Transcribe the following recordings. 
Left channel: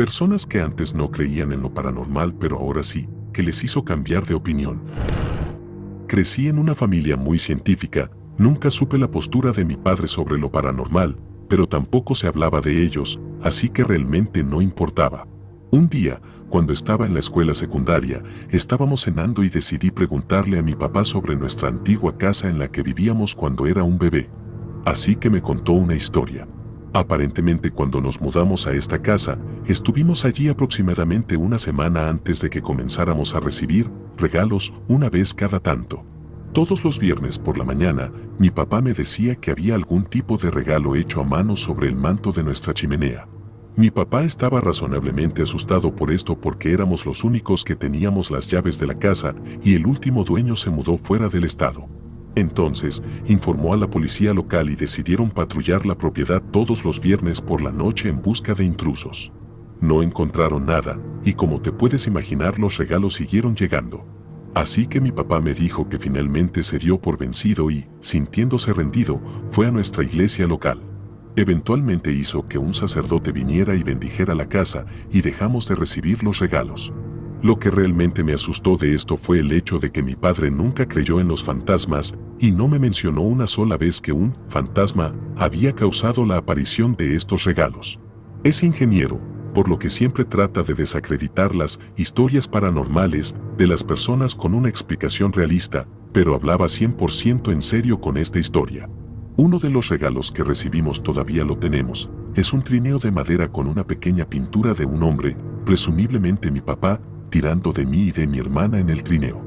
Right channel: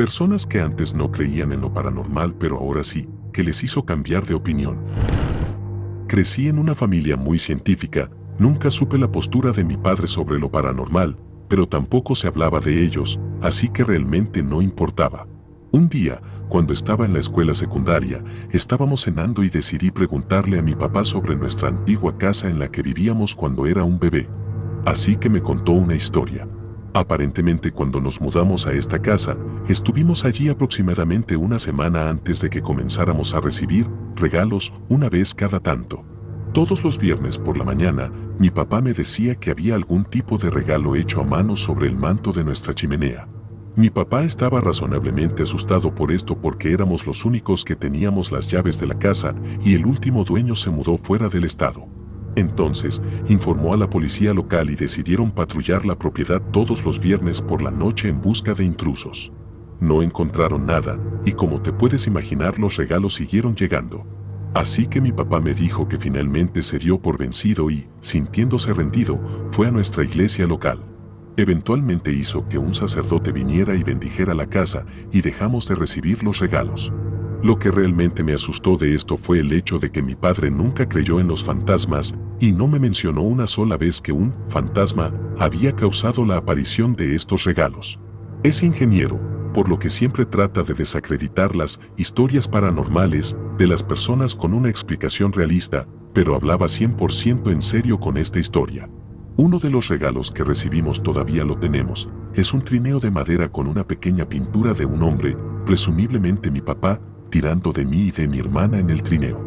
Personas que antes no creían en lo paranormal, pero ahora sí, que les hizo cambiar de opinión. Crecí en una familia muy científica, nunca supe la postura de mi padre sobre lo paranormal, pero tampoco se hablaba de ellos, así que realmente no importaba. Un día, cuando estaba en la escuela secundaria, estábamos cenando y decidí preguntarle a mi papá sobre nuestra antigua casa en la que vivíamos cuando era un bebé. Así que me contó una historia. Aparentemente, cuando nos mudamos a esta casa, estuvimos allí aproximadamente una semana antes de que comenzáramos a recibir regalos una vez cada tanto. Todos los viernes por la mañana, mi papá me decía que había algún tipo de regalo hecho a mano sobre el manto de nuestra chimenea. Mi papá estaba razonablemente asustado por esto porque éramos los únicos que teníamos las llaves de la casa y el último dueño se mudó fuera del estado. Entonces, informó a la policía local y decidieron patrullar la propiedad todos los viernes por la noche en busca de intrusos. No encontraron nada, y como te puedes imaginar, los regalos siguieron llegando. Así que mi papá me dijo que finalmente se dio por vencido y, sintiéndose rendido, fue a nuestra iglesia local. Eventualmente hizo que un sacerdote viniera y bendijera la casa, y dejamos de recibir los regalos. Lo que realmente me asustó de esto fue el hecho de que mi padre nunca creyó en los fantasmas y no me mencionó una sola vez que un fantasma había causado la aparición de estos regalos. Es ingeniero, por lo que siempre trata de desacreditar las historias paranormales de las personas con una explicación realista, pero hablaba 100% en serio con esta historia. Uno de los regalos que recibimos todavía lo tenemos, es un trineo de madera con una pequeña pintura de un hombre, presumiblemente mi papá, tirando de mí y de mi hermana en el trineo.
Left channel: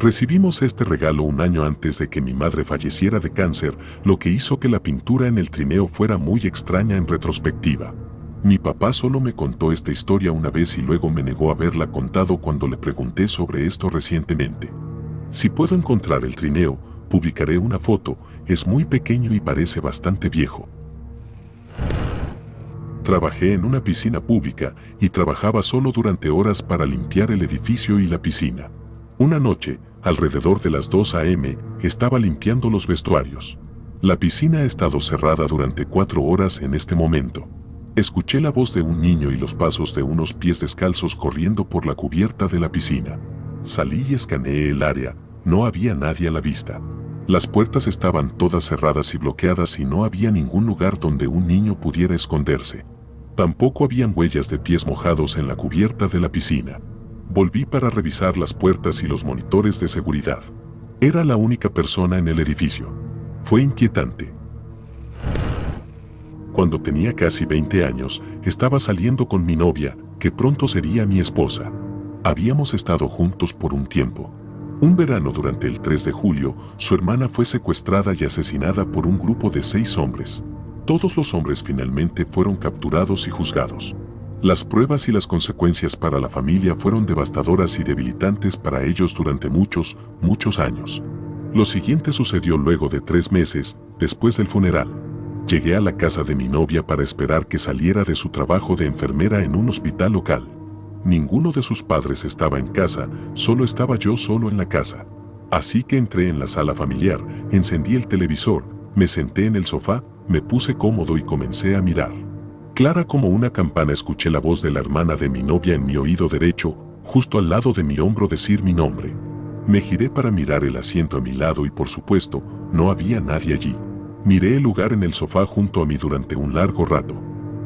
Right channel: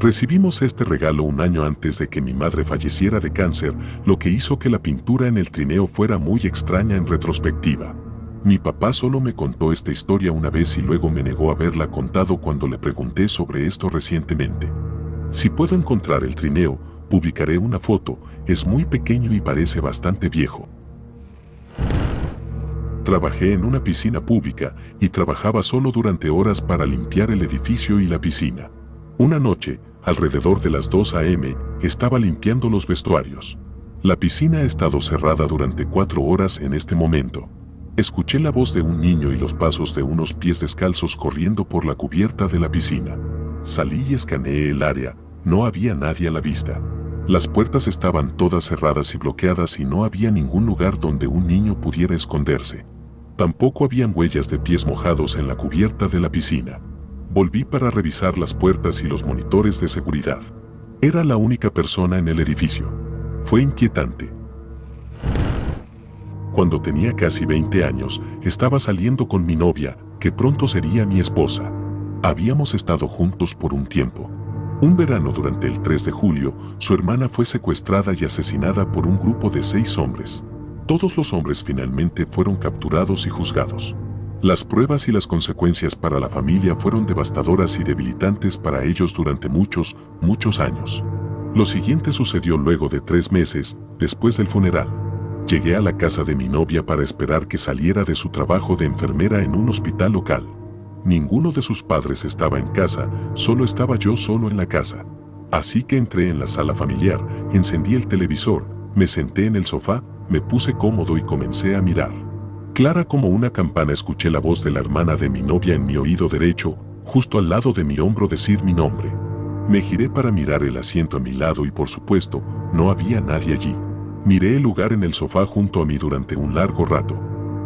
Recibimos este regalo un año antes de que mi madre falleciera de cáncer, lo que hizo que la pintura en el trineo fuera muy extraña en retrospectiva. Mi papá solo me contó esta historia una vez y luego me negó a haberla contado cuando le pregunté sobre esto recientemente. Si puedo encontrar el trineo, publicaré una foto, es muy pequeño y parece bastante viejo. Trabajé en una piscina pública y trabajaba solo durante horas para limpiar el edificio y la piscina. Una noche, alrededor de las 2 a.m., estaba limpiando los vestuarios. La piscina ha estado cerrada durante 4 horas en este momento. Escuché la voz de un niño y los pasos de unos pies descalzos corriendo por la cubierta de la piscina. Salí y escaneé el área, no había nadie a la vista. Las puertas estaban todas cerradas y bloqueadas y no había ningún lugar donde un niño pudiera esconderse. Tampoco habían huellas de pies mojados en la cubierta de la piscina. Volví para revisar las puertas y los monitores de seguridad. Era la única persona en el edificio. Fue inquietante. Cuando tenía casi 20 años, estaba saliendo con mi novia, que pronto sería mi esposa. Habíamos estado juntos por un tiempo. Un verano durante el 3 de julio, su hermana fue secuestrada y asesinada por un grupo de 6 hombres. Todos los hombres finalmente fueron capturados y juzgados. Las pruebas y las consecuencias para la familia fueron devastadoras y debilitantes para ellos durante muchos años. Lo siguiente sucedió luego de 3 meses, después del funeral. Llegué a la casa de mi novia para esperar que saliera de su trabajo de enfermera en un hospital local. Ninguno de sus padres estaba en casa, solo estaba yo solo en la casa. Así que entré en la sala familiar, encendí el televisor, me senté en el sofá, me puse cómodo y comencé a mirar. Clara como una campana escuché la voz de la hermana de mi novia en mi oído derecho, justo al lado de mi hombro decir mi nombre. Me giré para mirar el asiento a mi lado y por supuesto, no había nadie allí. Miré el lugar en el sofá junto a mí durante un largo rato.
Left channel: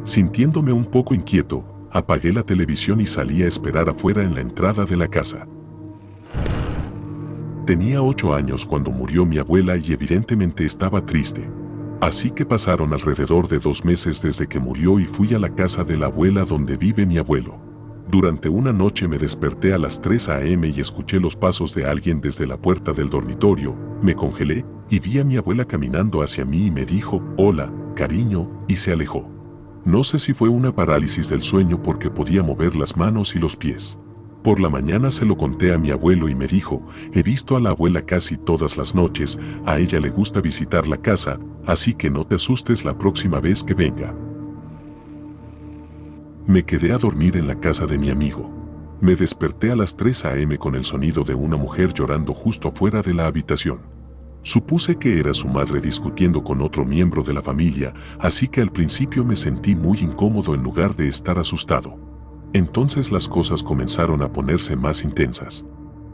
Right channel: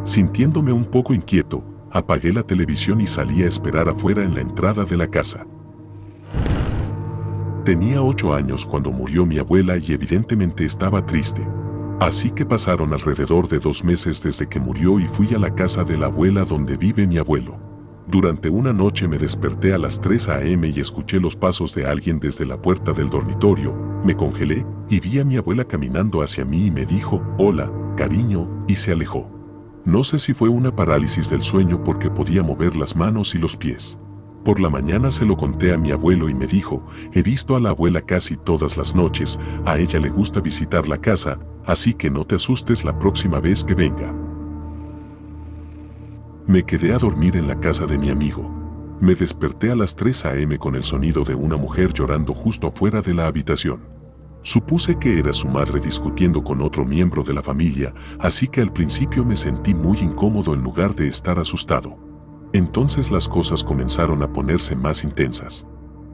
Sintiéndome un poco inquieto, apagué la televisión y salí a esperar afuera en la entrada de la casa. Tenía 8 años cuando murió mi abuela y evidentemente estaba triste. Así que pasaron alrededor de 2 meses desde que murió y fui a la casa de la abuela donde vive mi abuelo. Durante una noche me desperté a las 3 a.m. y escuché los pasos de alguien desde la puerta del dormitorio, me congelé y vi a mi abuela caminando hacia mí y me dijo, hola, cariño, y se alejó. No sé si fue una parálisis del sueño porque podía mover las manos y los pies. Por la mañana se lo conté a mi abuelo y me dijo, he visto a la abuela casi todas las noches, a ella le gusta visitar la casa, así que no te asustes la próxima vez que venga. Me quedé a dormir en la casa de mi amigo. Me desperté a las 3 a.m. con el sonido de una mujer llorando justo afuera de la habitación. Supuse que era su madre discutiendo con otro miembro de la familia, así que al principio me sentí muy incómodo en lugar de estar asustado. Entonces las cosas comenzaron a ponerse más intensas.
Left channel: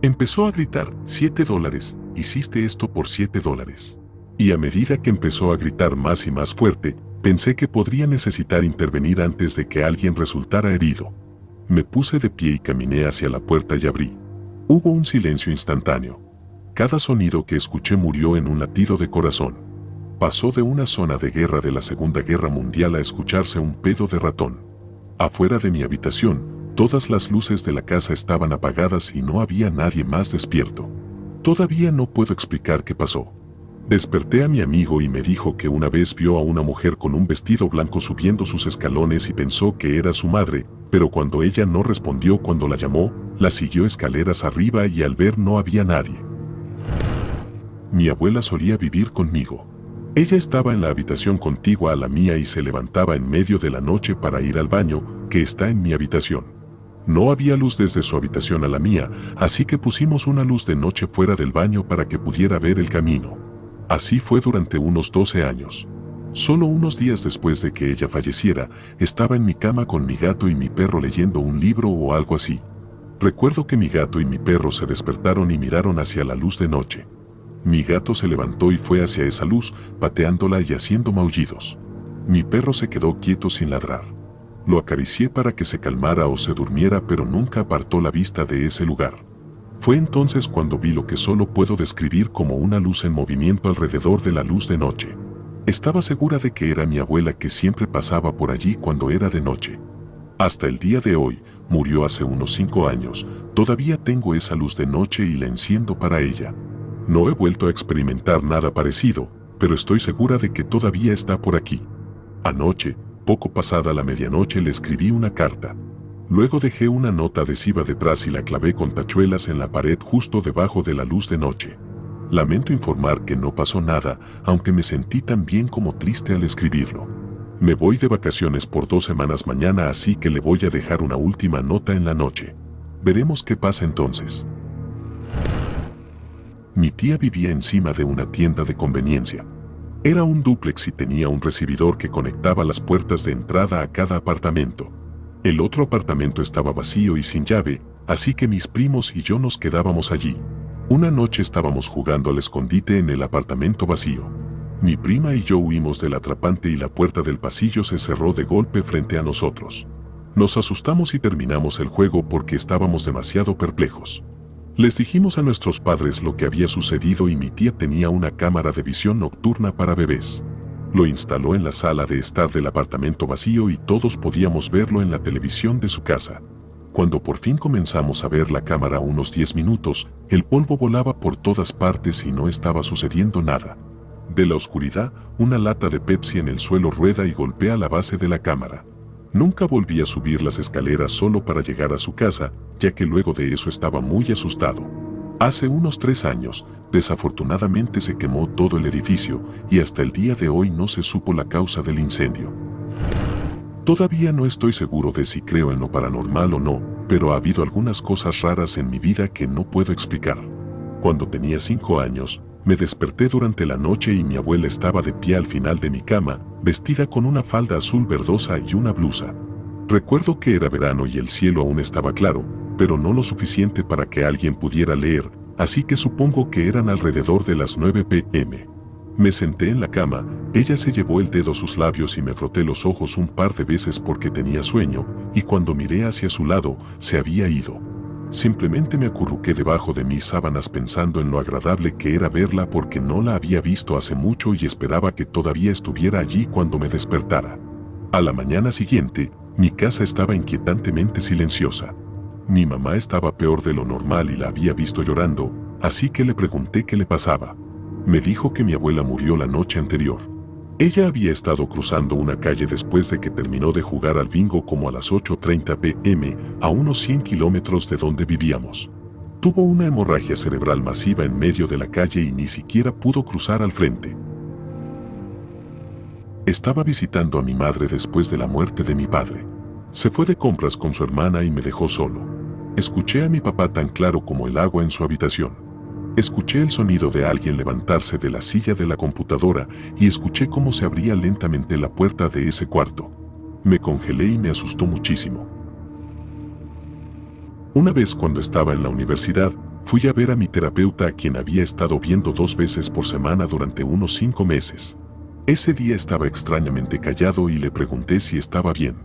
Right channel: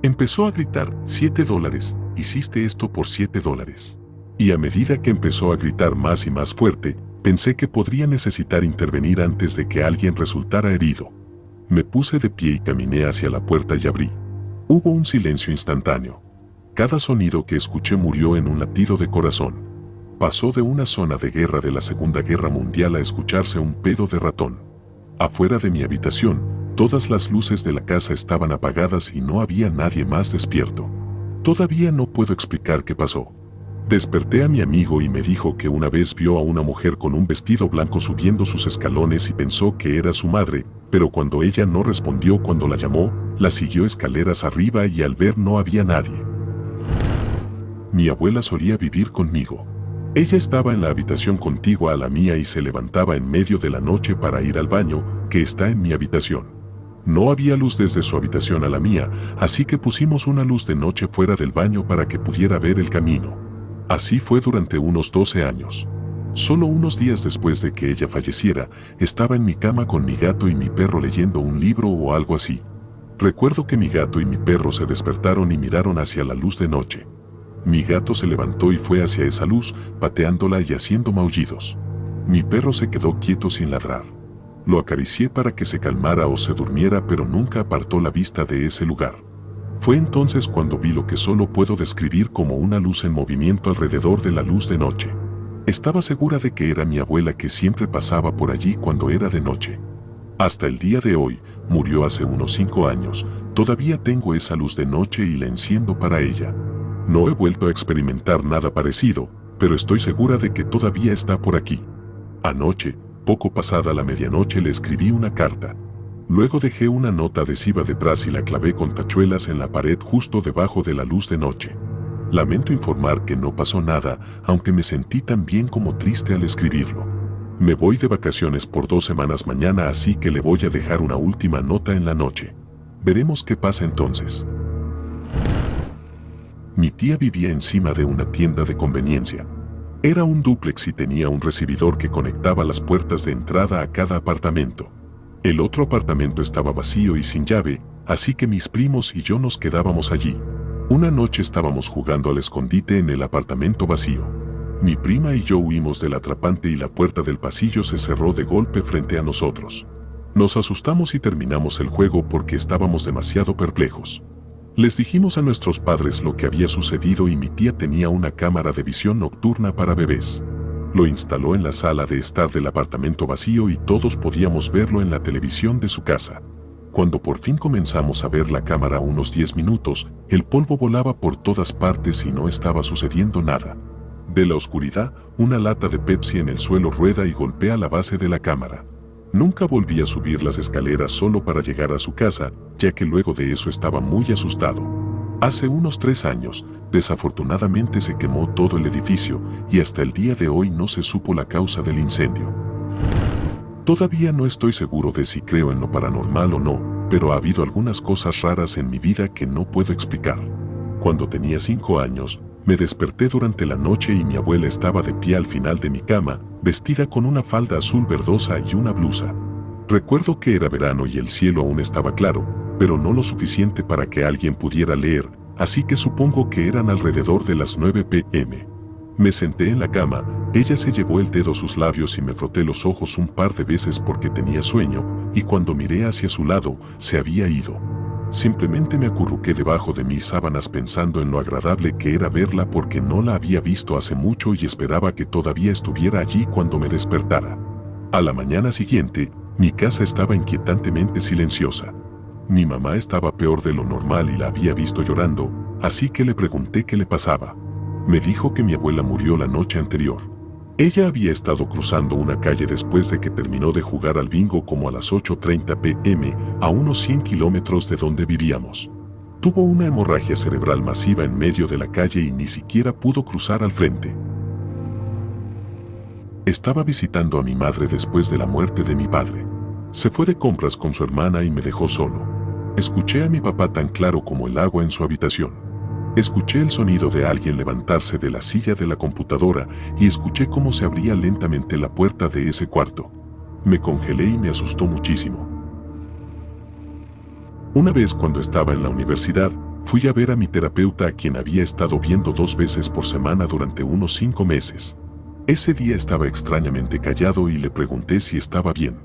Empezó a gritar, $7, hiciste esto por $7. Y a medida que empezó a gritar más y más fuerte, pensé que podría necesitar intervenir antes de que alguien resultara herido. Me puse de pie y caminé hacia la puerta y abrí. Hubo un silencio instantáneo. Cada sonido que escuché murió en un latido de corazón. Pasó de una zona de guerra de la Segunda Guerra Mundial a escucharse un pedo de ratón. Afuera de mi habitación, todas las luces de la casa estaban apagadas y no había nadie más despierto. Todavía no puedo explicar qué pasó. Desperté a mi amigo y me dijo que una vez vio a una mujer con un vestido blanco subiendo sus escalones y pensó que era su madre, pero cuando ella no respondió cuando la llamó, la siguió escaleras arriba y al ver no había nadie. Mi abuela solía vivir conmigo. Ella estaba en la habitación contigua a la mía y se levantaba en medio de la noche para ir al baño, que está en mi habitación. No había luz desde su habitación a la mía, así que pusimos una luz de noche fuera del baño para que pudiera ver el camino. Así fue durante unos 12 años. Solo unos días después de que ella falleciera, estaba en mi cama con mi gato y mi perro leyendo un libro o algo así. Recuerdo que mi gato y mi perro se despertaron y miraron hacia la luz de noche. Mi gato se levantó y fue hacia esa luz, pateándola y haciendo maullidos. Mi perro se quedó quieto sin ladrar. Lo acaricié para que se calmara o se durmiera, pero nunca apartó la vista de ese lugar. Fue entonces cuando vi lo que solo puedo describir como una luz en movimiento alrededor de la luz de noche. Estaba segura de que era mi abuela que siempre pasaba por allí cuando era de noche. Hasta el día de hoy, murió hace unos 5 años, todavía tengo esa luz de noche y la enciendo para ella. No he vuelto a experimentar nada parecido, pero estoy segura de que todavía está por aquí. Anoche, poco pasada la medianoche, le escribí una carta. Luego dejé una nota adhesiva detrás y la clavé con tachuelas en la pared justo debajo de la luz de noche. Lamento informar que no pasó nada, aunque me sentí tan bien como triste al escribirlo. Me voy de vacaciones por 2 semanas mañana, así que le voy a dejar una última nota en la noche. Veremos qué pasa entonces. Mi tía vivía encima de una tienda de conveniencia. Era un dúplex y tenía un recibidor que conectaba las puertas de entrada a cada apartamento. El otro apartamento estaba vacío y sin llave, así que mis primos y yo nos quedábamos allí. Una noche estábamos jugando al escondite en el apartamento vacío. Mi prima y yo huimos del atrapante y la puerta del pasillo se cerró de golpe frente a nosotros. Nos asustamos y terminamos el juego porque estábamos demasiado perplejos. Les dijimos a nuestros padres lo que había sucedido y mi tía tenía una cámara de visión nocturna para bebés. Lo instaló en la sala de estar del apartamento vacío y todos podíamos verlo en la televisión de su casa. Cuando por fin comenzamos a ver la cámara unos 10 minutos, el polvo volaba por todas partes y no estaba sucediendo nada. De la oscuridad, una lata de Pepsi en el suelo rueda y golpea la base de la cámara. Nunca volví a subir las escaleras solo para llegar a su casa, ya que luego de eso estaba muy asustado. Hace unos 3 años, desafortunadamente se quemó todo el edificio y hasta el día de hoy no se supo la causa del incendio. Todavía no estoy seguro de si creo en lo paranormal o no, pero ha habido algunas cosas raras en mi vida que no puedo explicar. Cuando tenía 5 años, me desperté durante la noche y mi abuela estaba de pie al final de mi cama, vestida con una falda azul verdosa y una blusa. Recuerdo que era verano y el cielo aún estaba claro, pero no lo suficiente para que alguien pudiera leer, así que supongo que eran alrededor de las 9 p.m. Me senté en la cama, ella se llevó el dedo a sus labios y me froté los ojos un par de veces porque tenía sueño, y cuando miré hacia su lado, se había ido. Simplemente me acurruqué debajo de mis sábanas pensando en lo agradable que era verla porque no la había visto hace mucho y esperaba que todavía estuviera allí cuando me despertara. A la mañana siguiente, mi casa estaba inquietantemente silenciosa. Mi mamá estaba peor de lo normal y la había visto llorando, así que le pregunté qué le pasaba. Me dijo que mi abuela murió la noche anterior. Ella había estado cruzando una calle después de que terminó de jugar al bingo como a las 8:30 p.m. a unos 100 kilómetros de donde vivíamos. Tuvo una hemorragia cerebral masiva en medio de la calle y ni siquiera pudo cruzar al frente. Estaba visitando a mi madre después de la muerte de mi padre. Se fue de compras con su hermana y me dejó solo. Escuché a mi papá tan claro como el agua en su habitación. Escuché el sonido de alguien levantarse de la silla de la computadora y escuché cómo se abría lentamente la puerta de ese cuarto. Me congelé y me asustó muchísimo. Una vez cuando estaba en la universidad, fui a ver a mi terapeuta a quien había estado viendo 2 veces por semana durante unos 5 meses. Ese día estaba extrañamente callado y le pregunté si estaba bien.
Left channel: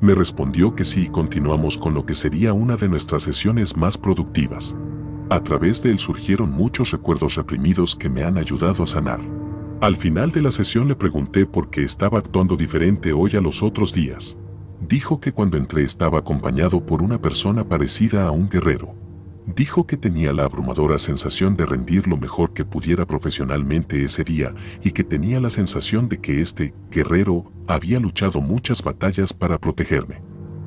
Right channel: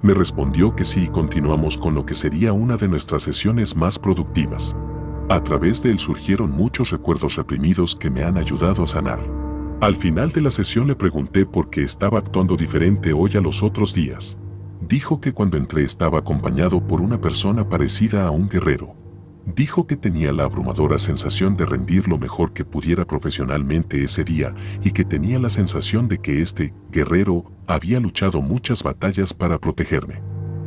Me respondió que sí y continuamos con lo que sería una de nuestras sesiones más productivas. A través de él surgieron muchos recuerdos reprimidos que me han ayudado a sanar. Al final de la sesión le pregunté por qué estaba actuando diferente hoy a los otros días. Dijo que cuando entré estaba acompañado por una persona parecida a un guerrero. Dijo que tenía la abrumadora sensación de rendir lo mejor que pudiera profesionalmente ese día y que tenía la sensación de que este guerrero había luchado muchas batallas para protegerme.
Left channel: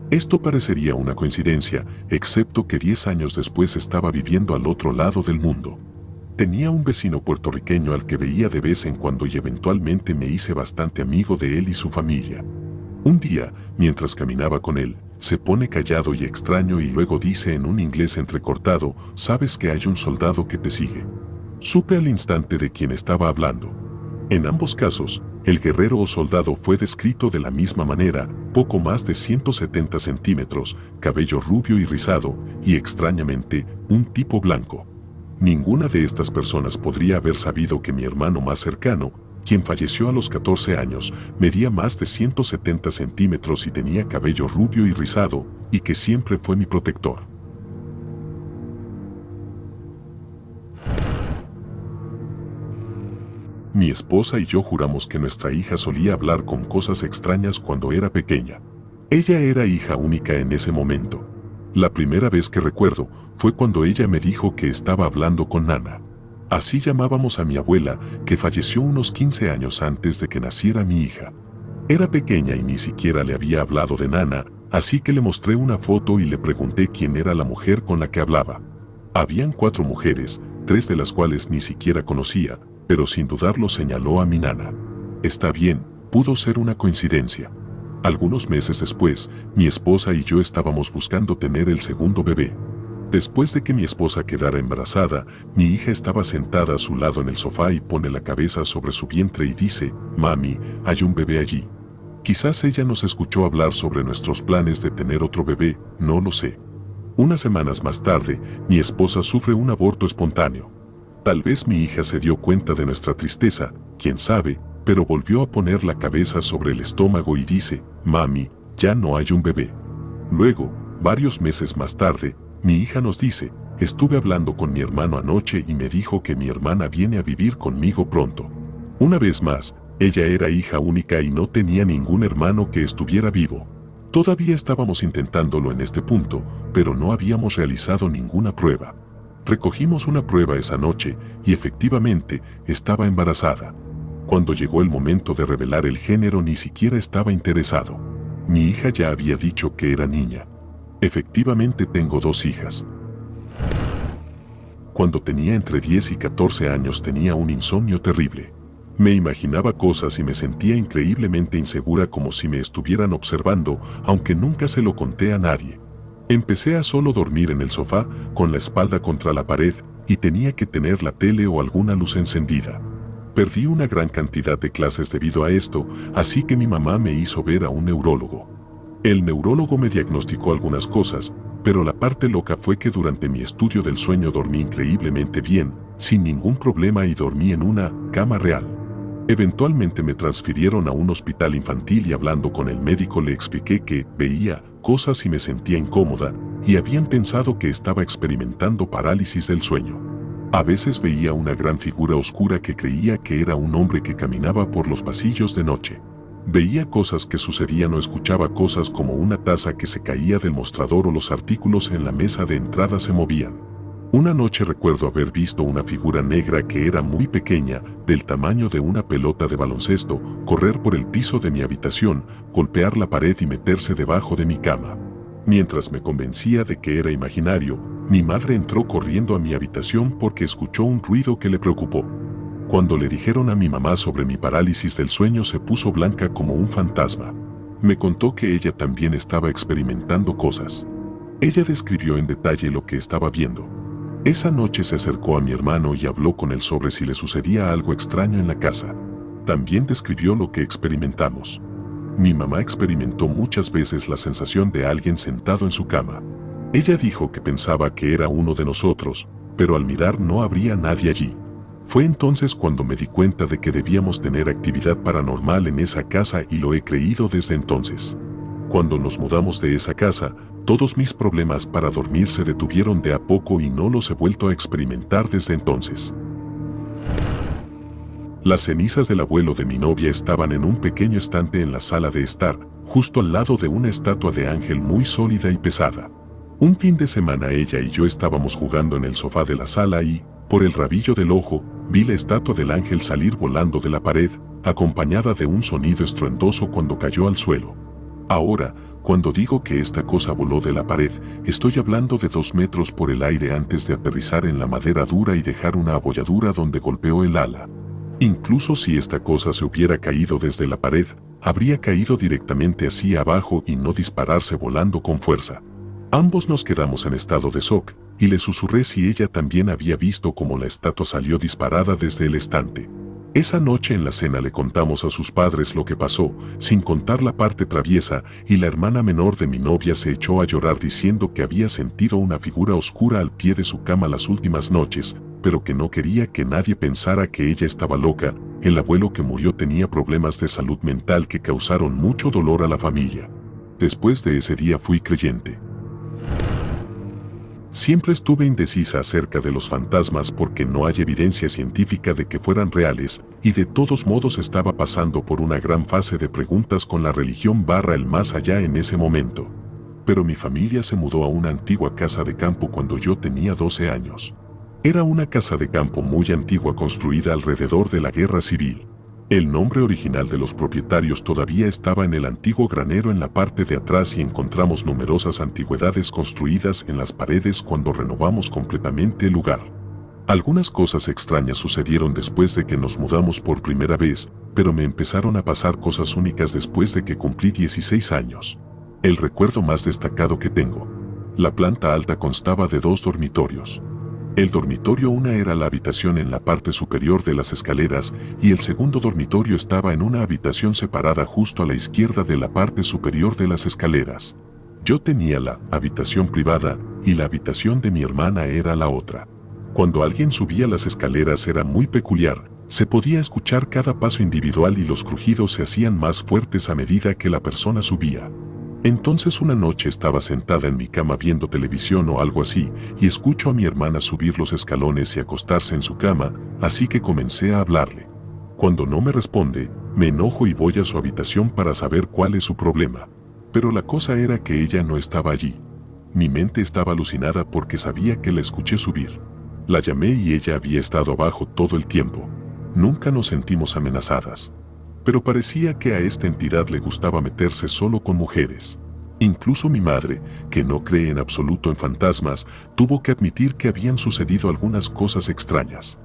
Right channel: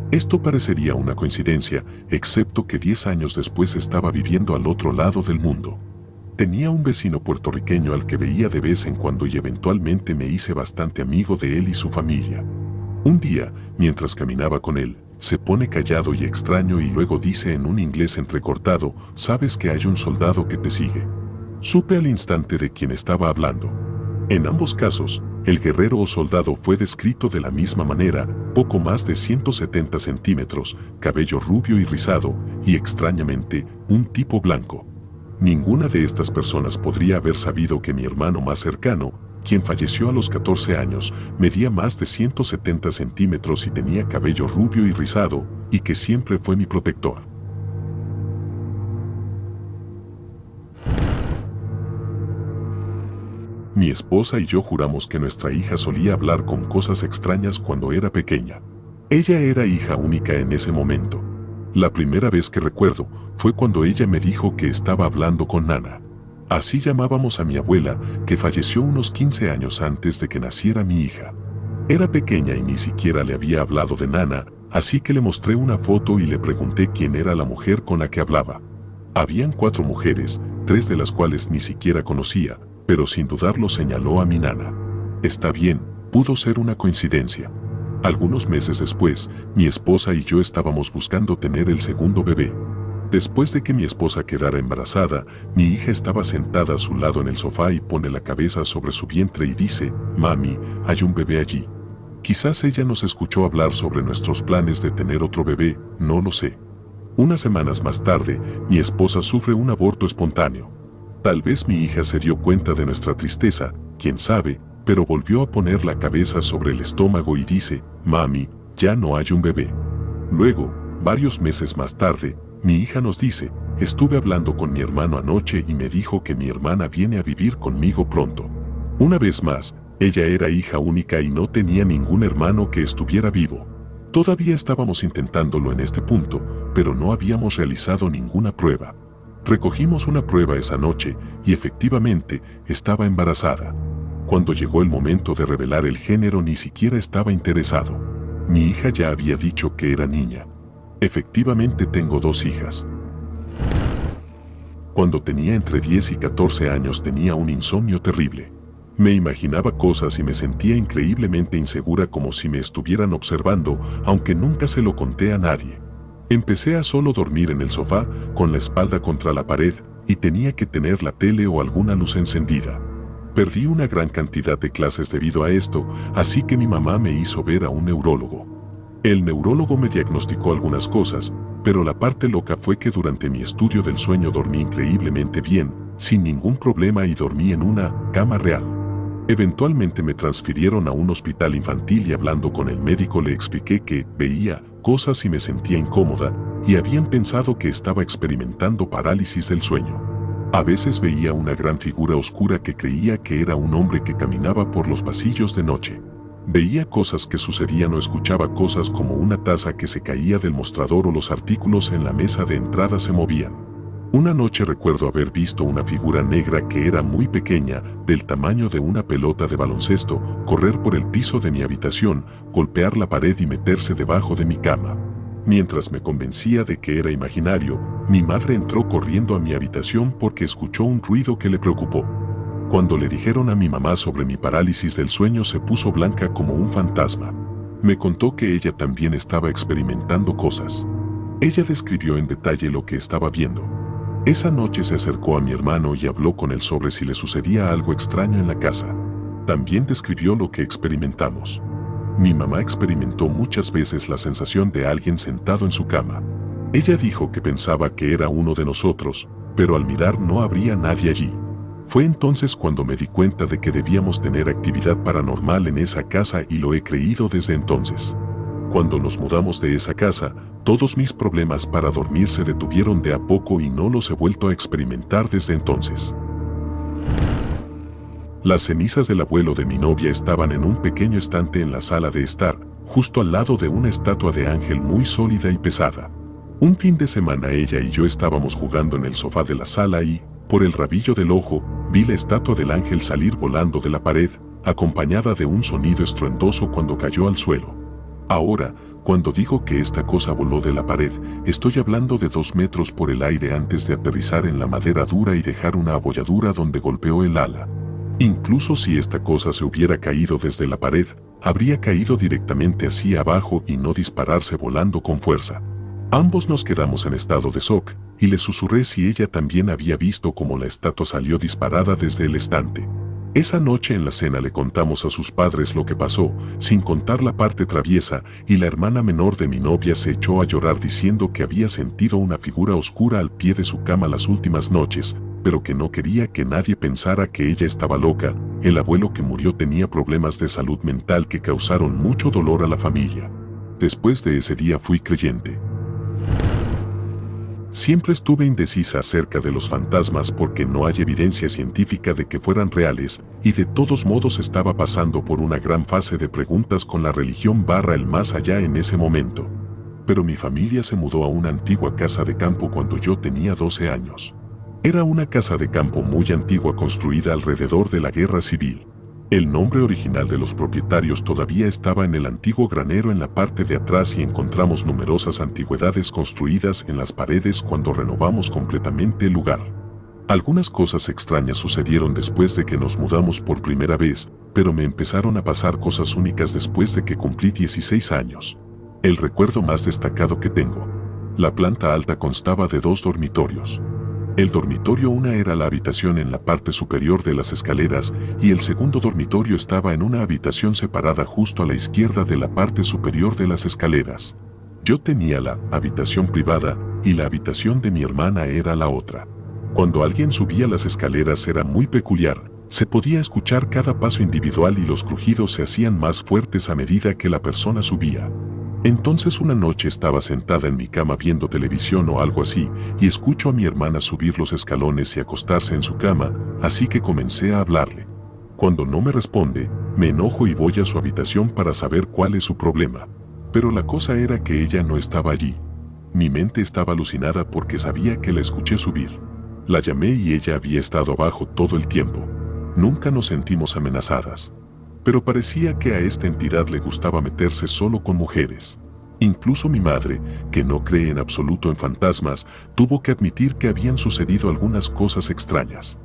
Esto parecería una coincidencia, excepto que 10 años después estaba viviendo al otro lado del mundo. Tenía un vecino puertorriqueño al que veía de vez en cuando y eventualmente me hice bastante amigo de él y su familia. Un día, mientras caminaba con él, se pone callado y extraño y luego dice en un inglés entrecortado, «¿Sabes que hay un soldado que te sigue?». Supe al instante de quién estaba hablando. En ambos casos, el guerrero o soldado fue descrito de la misma manera, poco más de 170 centímetros, cabello rubio y rizado, y extrañamente, un tipo blanco. Ninguna de estas personas podría haber sabido que mi hermano más cercano, quien falleció a los 14 años, medía más de 170 centímetros y tenía cabello rubio y rizado, y que siempre fue mi protector. Mi esposa y yo juramos que nuestra hija solía hablar con cosas extrañas cuando era pequeña. Ella era hija única en ese momento. La primera vez que recuerdo fue cuando ella me dijo que estaba hablando con Nana. Así llamábamos a mi abuela, que falleció unos 15 años antes de que naciera mi hija. Era pequeña y ni siquiera le había hablado de Nana, así que le mostré una foto y le pregunté quién era la mujer con la que hablaba. Habían 4 mujeres, 3 de las cuales ni siquiera conocía, pero sin dudarlo señaló a mi Nana. Está bien, pudo ser una coincidencia. Algunos meses después, mi esposa y yo estábamos buscando tener el segundo bebé. Después de que mi esposa quedara embarazada, mi hija estaba sentada a su lado en el sofá y pone la cabeza sobre su vientre y dice, «Mami, hay un bebé allí». Quizás ella nos escuchó hablar sobre nuestros planes de tener otro bebé, no lo sé. Unas semanas más tarde, mi esposa sufre un aborto espontáneo. Tal vez mi hija se dio cuenta de nuestra tristeza, quién sabe, pero volvió a poner la cabeza sobre el estómago y dice, «Mami, ya no hay un bebé». Luego, varios meses más tarde, mi hija nos dice, «Estuve hablando con mi hermano anoche y me dijo que mi hermana viene a vivir conmigo pronto». Una vez más, ella era hija única y no tenía ningún hermano que estuviera vivo. Todavía estábamos intentándolo en este punto, pero no habíamos realizado ninguna prueba. Recogimos una prueba esa noche y efectivamente estaba embarazada. Cuando llegó el momento de revelar el género ni siquiera estaba interesado. Mi hija ya había dicho que era niña. Efectivamente tengo 2 hijas. Cuando tenía entre 10 y 14 años tenía un insomnio terrible. Me imaginaba cosas y me sentía increíblemente insegura como si me estuvieran observando, aunque nunca se lo conté a nadie. Empecé a solo dormir en el sofá, con la espalda contra la pared, y tenía que tener la tele o alguna luz encendida. Perdí una gran cantidad de clases debido a esto, así que mi mamá me hizo ver a un neurólogo. El neurólogo me diagnosticó algunas cosas, pero la parte loca fue que durante mi estudio del sueño dormí increíblemente bien, sin ningún problema y dormí en una cama real. Eventualmente me transfirieron a un hospital infantil y hablando con el médico le expliqué que veía cosas y me sentía incómoda y habían pensado que estaba experimentando parálisis del sueño. A veces veía una gran figura oscura que creía que era un hombre que caminaba por los pasillos de noche. Veía cosas que sucedían o escuchaba cosas como una taza que se caía del mostrador o los artículos en la mesa de entrada se movían. Una noche recuerdo haber visto una figura negra que era muy pequeña, del tamaño de una pelota de baloncesto, correr por el piso de mi habitación, golpear la pared y meterse debajo de mi cama. Mientras me convencía de que era imaginario, mi madre entró corriendo a mi habitación porque escuchó un ruido que le preocupó. Cuando le dijeron a mi mamá sobre mi parálisis del sueño se puso blanca como un fantasma. Me contó que ella también estaba experimentando cosas. Ella describió en detalle lo que estaba viendo. Esa noche se acercó a mi hermano y habló con él sobre si le sucedía algo extraño en la casa. También describió lo que experimentamos. Mi mamá experimentó muchas veces la sensación de alguien sentado en su cama. Ella dijo que pensaba que era uno de nosotros, pero al mirar no habría nadie allí. Fue entonces cuando me di cuenta de que debíamos tener actividad paranormal en esa casa y lo he creído desde entonces. Cuando nos mudamos de esa casa, todos mis problemas para dormir se detuvieron de a poco y no los he vuelto a experimentar desde entonces. Las cenizas del abuelo de mi novia estaban en un pequeño estante en la sala de estar, justo al lado de una estatua de ángel muy sólida y pesada. Un fin de semana ella y yo estábamos jugando en el sofá de la sala y, por el rabillo del ojo, vi la estatua del ángel salir volando de la pared, acompañada de un sonido estruendoso cuando cayó al suelo. Ahora, cuando digo que esta cosa voló de la pared, estoy hablando de 2 metros por el aire antes de aterrizar en la madera dura y dejar una abolladura donde golpeó el ala. Incluso si esta cosa se hubiera caído desde la pared, habría caído directamente hacia abajo y no dispararse volando con fuerza. Ambos nos quedamos en estado de shock, y le susurré si ella también había visto cómo la estatua salió disparada desde el estante. Esa noche en la cena le contamos a sus padres lo que pasó, sin contar la parte traviesa, y la hermana menor de mi novia se echó a llorar diciendo que había sentido una figura oscura al pie de su cama las últimas noches, pero que no quería que nadie pensara que ella estaba loca. El abuelo que murió tenía problemas de salud mental que causaron mucho dolor a la familia. Después de ese día fui creyente. Siempre estuve indecisa acerca de los fantasmas porque no hay evidencia científica de que fueran reales, y de todos modos estaba pasando por una gran fase de preguntas con la religión / el más allá en ese momento. Pero mi familia se mudó a una antigua casa de campo cuando yo tenía 12 años. Era una casa de campo muy antigua construida alrededor de la Guerra Civil. El nombre original de los propietarios todavía estaba en el antiguo granero en la parte de atrás y encontramos numerosas antigüedades construidas en las paredes cuando renovamos completamente el lugar. Algunas cosas extrañas sucedieron después de que nos mudamos por primera vez, pero me empezaron a pasar cosas únicas después de que cumplí 16 años. El recuerdo más destacado que tengo. La planta alta constaba de 2 dormitorios. El dormitorio 1 era la habitación en la parte superior de las escaleras y el segundo dormitorio estaba en una habitación separada justo a la izquierda de la parte superior de las escaleras. Yo tenía la habitación privada y la habitación de mi hermana era la otra. Cuando alguien subía las escaleras era muy peculiar, se podía escuchar cada paso individual y los crujidos se hacían más fuertes a medida que la persona subía. Entonces una noche estaba sentada en mi cama viendo televisión o algo así, y escucho a mi hermana subir los escalones y acostarse en su cama, así que comencé a hablarle. Cuando no me responde, me enojo y voy a su habitación para saber cuál es su problema. Pero la cosa era que ella no estaba allí. Mi mente estaba alucinada porque sabía que la escuché subir. La llamé y ella había estado abajo todo el tiempo. Nunca nos sentimos amenazadas. Pero parecía que a esta entidad le gustaba meterse solo con mujeres. Incluso mi madre, que no cree en absoluto en fantasmas, tuvo que admitir que habían sucedido algunas cosas extrañas.